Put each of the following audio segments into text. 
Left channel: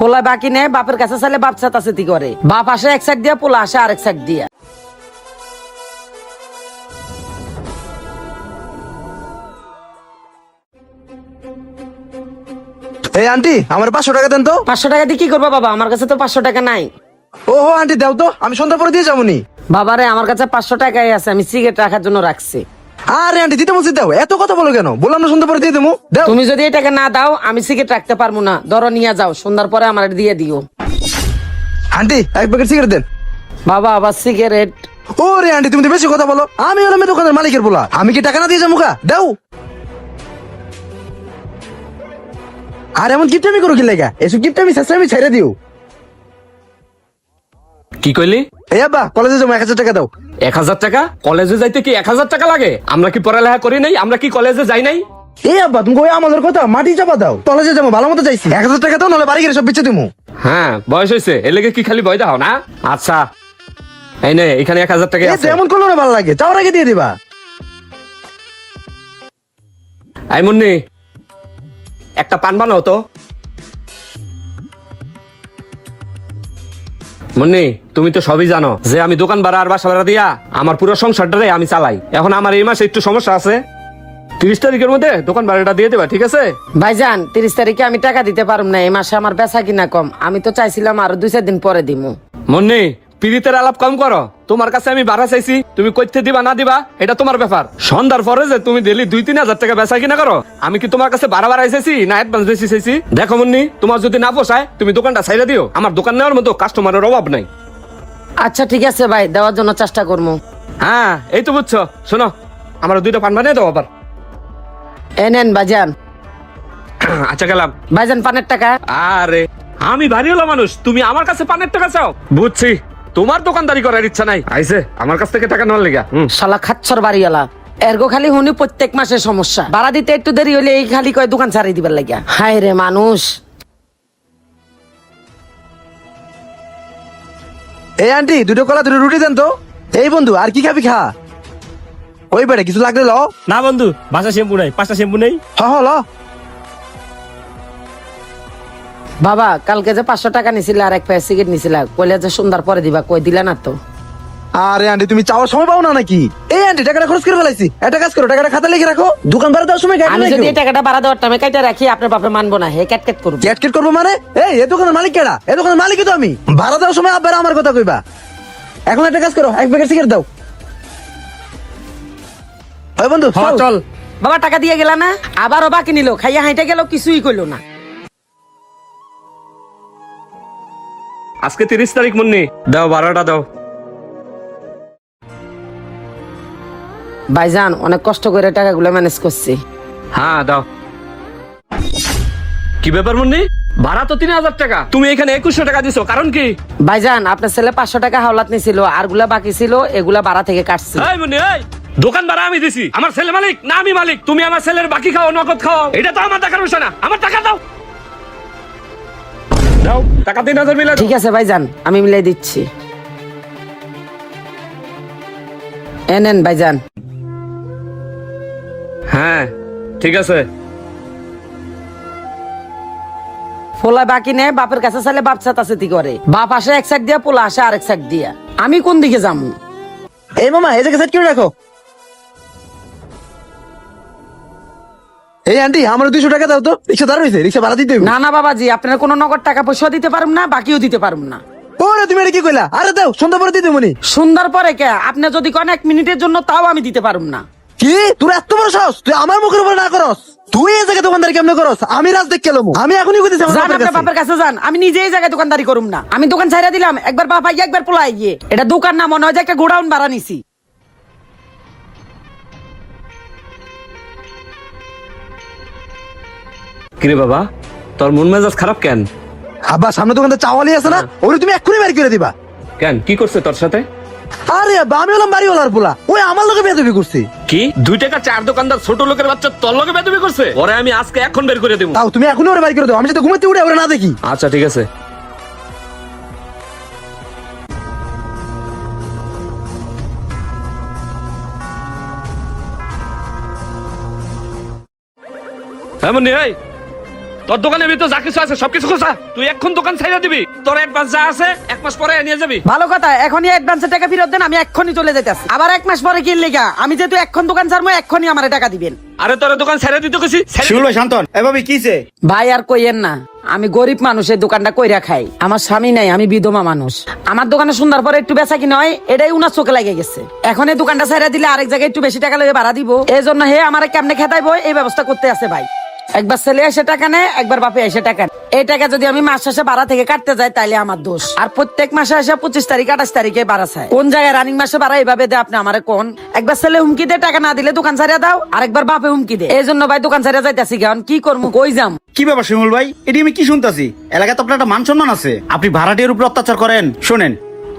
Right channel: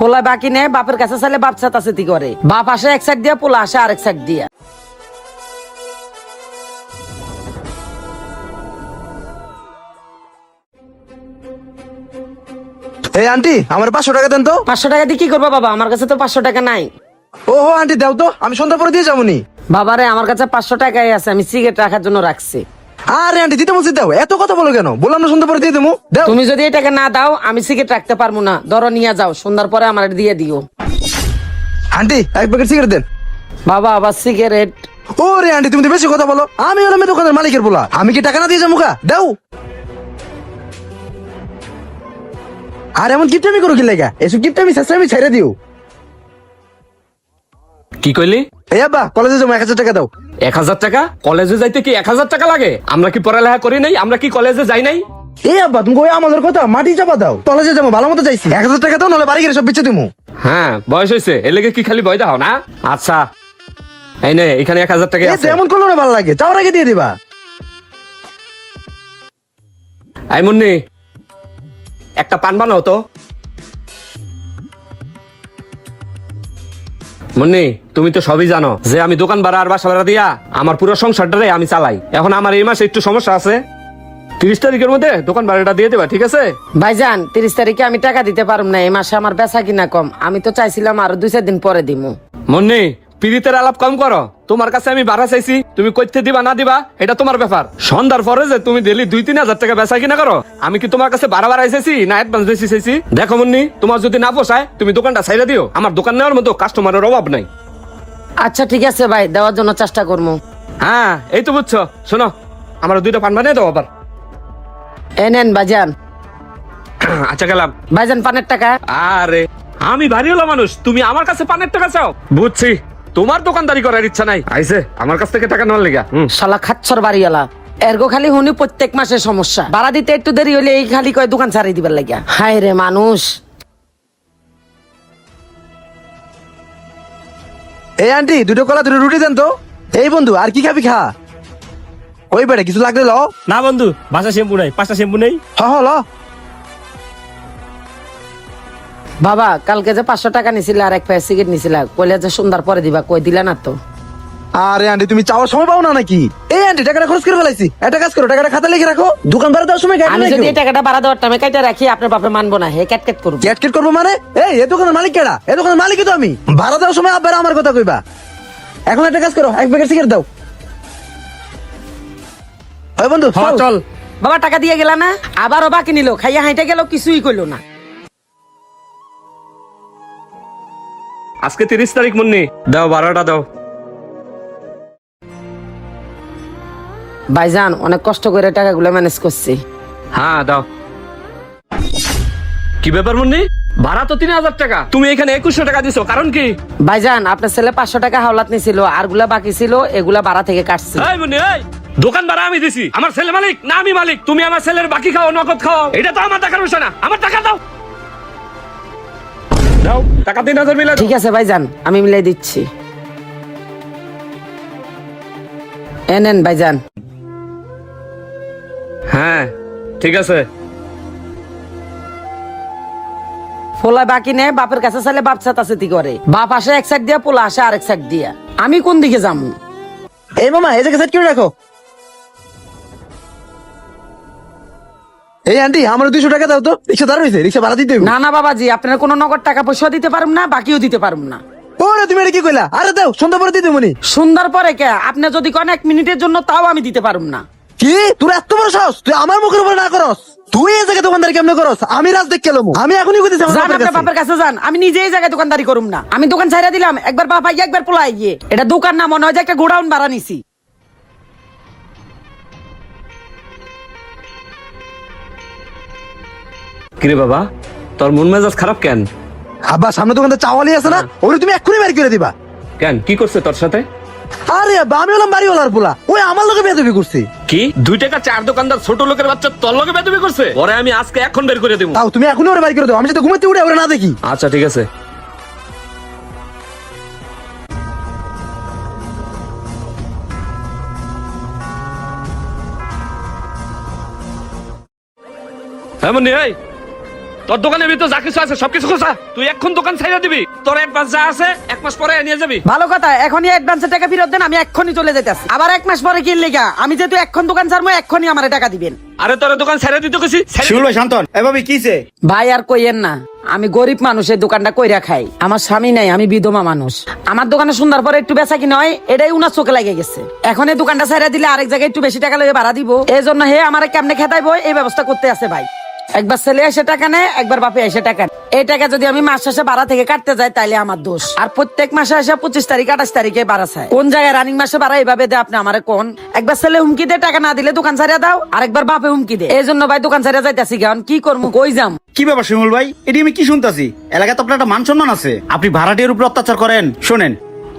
পোলা বাকি নেই, বাপের কাছে চাইলে বাপ চেতাচেতি করে। বাপ আসে এক সাইড দিয়া, পোলা আসে আরেক সাইড দিয়া। আন্টি আমার 500 টাকা দেন তো। 500 টাকা দিয়ে কি করবো বাবা? আমার কাছে তো 500 টাকা নাই। ও আন্টি দাও তো, আমি সন্ধ্যা পরে দিয়ে যাবো নি। বাবারে আমার কাছে 500 টাকাই আছে, আমি সিগারেট রাখার জন্য রাখছি। আরে আন্টি দিতে বলছি দাও, এত কথা বলো কেন? বললাম না সন্ধ্যা পরে দিয়ে দেবো। দাও। তুমি যদি এই টাকা না দাও আমি সিগারেট রাখতে পারবো না। ধরো নিয়ে যাও, সুন্দর পরে আমার এটা দিয়ে দিও। আন্টি এক প্যাকেট সিগারেট দেন। বাবা আবার সিগারেট? ওরে আন্টি তুমি তো বেশি কথা বলো। আমি হলাম এই দোকানের মালিকের বলা, আমি কি টাকা না দিয়ে যাবো? দাও। আর এমন কিপটামি করো কি লেগা? এসব কিপটামি আমি ছেড়ে দিও। কি কইলি? কলেজে যাবো, 1000 টাকা দাও। 1000 টাকা? কলেজে যাইতে কি 1000 টাকা লাগে? আমরা কি পড়ালেখা করি নাই? আমরা কি কলেজে যাই নাই? আব্বা তুমি আমাদের কথা মাটি চাপা দাও। কলেজে যাবো ভালো মতো চাইছি, 1000 টাকা দাও, নাহলে বাড়ি গিয়ে সব পিছিয়ে দেবো। হ্যাঁ বয়স হয়েছে, এর লেগে কি খালি ভয় দাও না? আচ্ছা এই নে, এখানে 1000 টাকা আছে। এমন করলো না, ভালো লাগে, চাও নাকি দিয়ে দিবা। আই মুন্নি, একটা পান বানাও তো। মুন্নি তুমি তো সবই জানো যে আমি দোকান ভাড়া আর বাসা ভাড়া দিয়া আমার পুরো সংসারটাই আমি চালাই। এখন আমার এই মাসে একটু সমস্যা আছে, 30 তারিখের মধ্যে দোকান ভাড়াটা দিয়ে দেবে, ঠিক আছে? ভাইজান 30 তারিখে আমি টাকা দিতে পারব না, এই মাসে আমার বেচা কিনা কম। আমি তো চাইছিলাম আরো 2-4 দিন পরে দিমু। মুন্নি পিরিতের আলাপ কম করো। তোমার কাছে আমি ভাড়া চাইছি, তুমি কইতে দিবা না দিবা এটা তোমার ব্যাপার। সন্ধ্যার পরে যে তুমি ডেলি 2-3 হাজার টাকা বেচা কিনা করো, আমি কি তোমার কাছে ভাড়া চাইছি না অ্যাডভান্স বেশি চাইছি? দেখো মুন্নি, তোমার যদি না পোষায় তুমি দোকানটা ছাইড়া দিও। আমার দোকান নেওয়ার মতো কাস্টমারের অভাব নাই। আচ্ছা ঠিক আছে ভাই, দেওয়ার জন্য চেষ্টা করবো। হ্যাঁ এই তো বুঝছো। শোনো, আমার 2টা পান বানিয়ে দাও আবার। এনেন ভাইজান। আচ্ছা গেলাম। ভাইজান পানের টাকা। আরে আমি বাড়ি হলো মানুষ, তুমি আমার কাছে পানের টাকা চাও? বুঝছি তোমার দোকানদারি করার ইচ্ছা নাই, আইছে আমার কাছ থেকে টাকা নেওয়ার লেগা। শালা খাচ্ছর বাড়ি এলা। এরগো খালি হুনি প্রত্যেক মাসে সমস্যা, ভাড়া দিতে একটু দেরি হইলে এই খালি কয় দোকান ছাড়াই দিবার লাগিয়া। হায় রে মানুষ। এই আন্টি 2টো কলা 2টো রুটি দেন তো। এই বন্ধু আর কি খাবি খা। ওই বেড়ে কিছু লাগলে লো। না বন্ধু, বাসা শ্যাম্পু নাই, 5টা শ্যাম্পু নেই। লো। বাবা কালকে যে 500 টাকা নিছিলে আর এক প্যাকেট সিগারেট নিছিলা, কইলে যে সুন্দর পরে দিবা, কই দিলা না তো। আরে আন্টি তুমি চাওয়ার সময় পাও না নাকি? এই আন্টি টাকাটা খরচ করে ফেলাইছি, একটা কাজ করো, টাকাটা খাতা লিখে রাখো, দোকানদারে দেওয়ার সময় আমি যদি এই টাকাটা ভাড়া দেওয়ার টাইমে কাইটা রাখি, আপনার বাপে মানবো না, হ্যাঁ ক্যাট করবো। ক্যাটকেট করবো মানে? এই দোকানের মালিক কেডা? এই দোকানের মালিকই তো আমি। ভাড়া দেওয়ার সময় আব্বার আমার কথা কইবা। এখন একটা কাজ করো, এক প্যাকেট সিগারেট দাও। ওই বন্ধু চল। বাবা টাকা দিয়ে গেলা না? আবারও বাকি নিল, খাইয়া হাইটা গেল, কিছুই কইলো না। আজকে 30 তারিখ মুন্নি, দাও ভাড়াটা দাও। ভাইজান অনেক কষ্ট করে টাকাগুলো ম্যানেজ করছি। হ্যাঁ দাও। কি ব্যাপার মুন্নি, ভাড়া তো 3000 টাকা, তুমি এখানে 2100 টাকা দিছো, কারণ কি? ভাইজান আপনার ছেলে 500 টাকা হাওলাত নিছিল, আর গুলা বাকি ছিল, এগুলা ভাড়া থেকে কাটছি। এই মুন্নি এই, দোকান ভাড়া আমি দিছি, আমার ছেলে মালিক না আমি মালিক। তুমি আমার ছেলের বাকি খাও নগদ খাও, এটা তো আমার টাকার বিষয় না। আমার টাকা দাও। দাও টাকা 3000 মিলা। ঠিক আছে ভাইজান, আমি মিলাই দিচ্ছি। এনেন ভাইজান। হ্যাঁ ঠিক আছে। পোলা বাকি নেই, বাপের কাছে চাইলে বাপ চেতাচেতি করে। বাপ আসে এক সাইড দিয়া, পোলা আসে আরেক সাইড দিয়া। আমি কোন দিকে যাবো? এই মামা এই জায়গায় সেট করে রাখো। এই আন্টি আমার 200 টাকা দাও তো। রিক্সা দাঁড় রয়েছে, রিক্সা ভাড়া দিতে হবে। না না বাবাজি, আপনার কোনো নগদ টাকা পয়সা দিতে পারবো না, বাকিও দিতে পারবো না। ওরে তুমি এটা কি কইলা? আরে দাও, সন্ধ্যা পরে দিতে মনি। সুন্দর পরে কে? আপনি যদি কোন 1 মিনিটের জন্য, তাও আমি দিতে পারবো না। কি তোর এত বড় সাহস? তুই আমার মুখের উপর না করস? তুই এই জায়গায় দোকানদারি কেমনে করস? আমি রাজ দেখ কেলাম। আমি এখনই কইতেছি আমার যান আপনার বাপের কাছে যান, আমি নিজে এই জায়গায় দোকানদারি করুম না। আমি দোকান ছাইড়া দিলাম, একবার বাপ আইয়ে একবার পোলা আইয়ে। এটা দোকান না, মনে হয় যে একটা গোডাউন ভাড়া নিছি। কিরে বাবা, তোর মন মেজাজ খারাপ কেন? আব্বা সামনে দোকানটা চাওয়ালি আছে না, ওরে তুমি এক্ষুনি বের করে দিবা। কেন, কি করছে তোর সাথে? আরে আব্বা আমি হলাম বাড়িওয়ালার পোলা, ওই আমার লোকে বেয়াদবি করছে। কি 2 টাকা চার দোকানদার ছোট লোকের বাচ্চা তোর লগে বেদবি করছে? ওরে আমি আজকে এখন বের করে দেব। তাও তুমি এখনই ওরে বাড়ি করে দাও, আমি যাতে ঘুমাতে উঠে ওরে না দেখি। আচ্ছা ঠিক আছে। হ্যাঁ মুন্নি এই, তোর দোকানের ভিতর যা কিছু আছে সবকিছু খোঁজা। তুই এখন দোকান ছেড়ে দিবি, তোর অ্যাডভান্স যা আছে 1 মাস পরে নিয়ে যাবি। ভালো কথা, এখনই অ্যাডভান্সের টাকা ফেরত দেন, আমি এক্ষুনি চলে যেতেছি। আবার 1 মাস পরে কি লেগা? আমি যেহেতু এখন দোকান ছাড়বো, এক্ষুনি আমার টাকা দিবেন। আরে তোর দোকান ছেড়ে দিতে কইছি। শিমুল ভাই শান্তন, এভাবে কিছে? ভাই আর কইয়েন না, আমি গরিব মানুষের দোকানটা কইরা খাই। আমার স্বামী নাই, আমি বিধবা মানুষ। আমার দোকানে সুন্দর পরে একটু বেচা কিনা হয়, এটাই উনার চোখে লাগে গেছে। এখন এই দোকানটা ছাড়া দিলে আরেক জায়গায় একটু বেশি টাকা লাগে ভাড়া দিব, এই জন্য হে আমার কেমনে খেতাইবো এই ব্যবস্থা করতে আছে ভাই। একবার ছেলে এসে টাকা নেয়, একবার বাপে এসে টাকা নেয়। এই টাকা যদি আমি মাস শেষে ভাড়া থেকে কাটতে যাই তাইলে আমার দোষ। আর প্রত্যেক মাসে এসে 25 তারিখ 28 তারিখে ভাড়া চায়। কোন জায়গায় রানিং মাসে ভাড়া এইভাবে দেয় আপনি আমারে কোন? একবার ছেলে হুমকি দিয়ে টাকা না দিলে দোকান ছাড়িয়ে দাও, আরেকবার বাপে হুমকি দেয়। এই জন্য ভাই দোকান ছাড়িয়ে যাইতাছি। কারণ কি করবো, কই যাম? কি ব্যাপার শিমুল ভাই, এটি আমি কি শুনতাছি? এলাকায় তো আপনার একটা মান সম্মান আছে, আপনি ভাড়াটিয়ার উপর অত্যাচার করেন। শুনেন,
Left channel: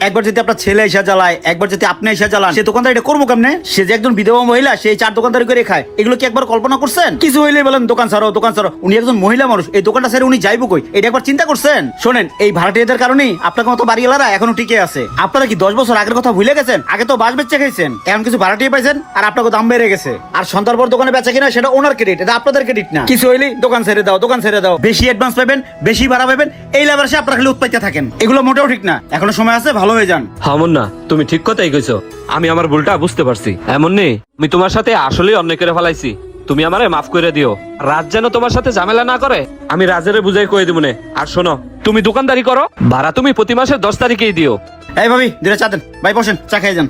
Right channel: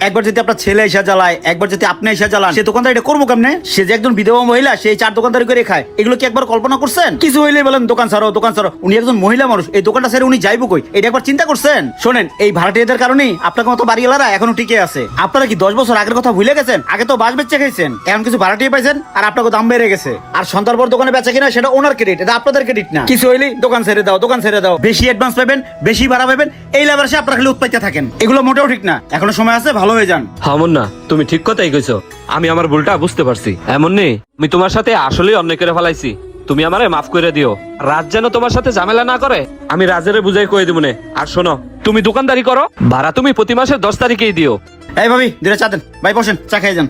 একবার যদি আপনার ছেলে এসে জ্বালায়, একবার যদি আপনি এসে জ্বালান, সে দোকানদার এটা করবো কেমনে? সে যে একজন বিধবা মহিলা, সেই 4 দোকানদারি করে খায়। এগুলো কি একবার কল্পনা করছেন? কিছু হইলে বলেন দোকান ছাড়ো, দোকান ছাড়ো। উনি একজন মহিলা মানুষ, এই দোকানটা ছেড়ে উনি যাইবো কই? এটা একবার চিন্তা করছেন? শোনেন, এই ভাড়াটিয়াদের কারণেই আপনার মতো বাড়িওয়ালারা এখনো টিকে আছে। আপনারা কি 10 বছর আগের কথা ভুলে গেছেন? আগে তো বাস বেচে খাইছেন, এখন কিছু ভাড়াটিয়া পাইছেন আর আপনাকে দাম বেড়ে গেছে। আর সন্তান পর দোকানে বেচা কিনা সেটা ওনার ক্রেডিট, এটা আপনাদের ক্রেডিট না। কিছু হইলে দোকান ছেড়ে দাও, দোকান ছেড়ে দাও, বেশি অ্যাডভান্স পাবেন, বেশি ভাড়া পাবেন, এই লেবারে আপনারা খালি উৎপাইতে থাকেন। এগুলো মোটেও ঠিক না। এখনো সময় আছে, ভালো হয়ে যান। না, তুমি ঠিক কথাই কইছো। আমি আমার ভুলটা বুঝতে পারছি। এমন নেই, আমি তোমার সাথে আসলেই অন্যায় করে ফেলাইছি। তুমি আমারে মাফ করে দিও। রাজ যেন তোমার সাথে ঝামেলা না করে, আমি রাজের বুঝাই কই দিব নে। আর শোনো, তুমি দোকানদারি করো, ভাড়া তুমি প্রতি মাসের 10 তারিখেই দিও। এই ভাবি, দিনে চা দেন। ভাই বসেন, চা খেয়ে যান।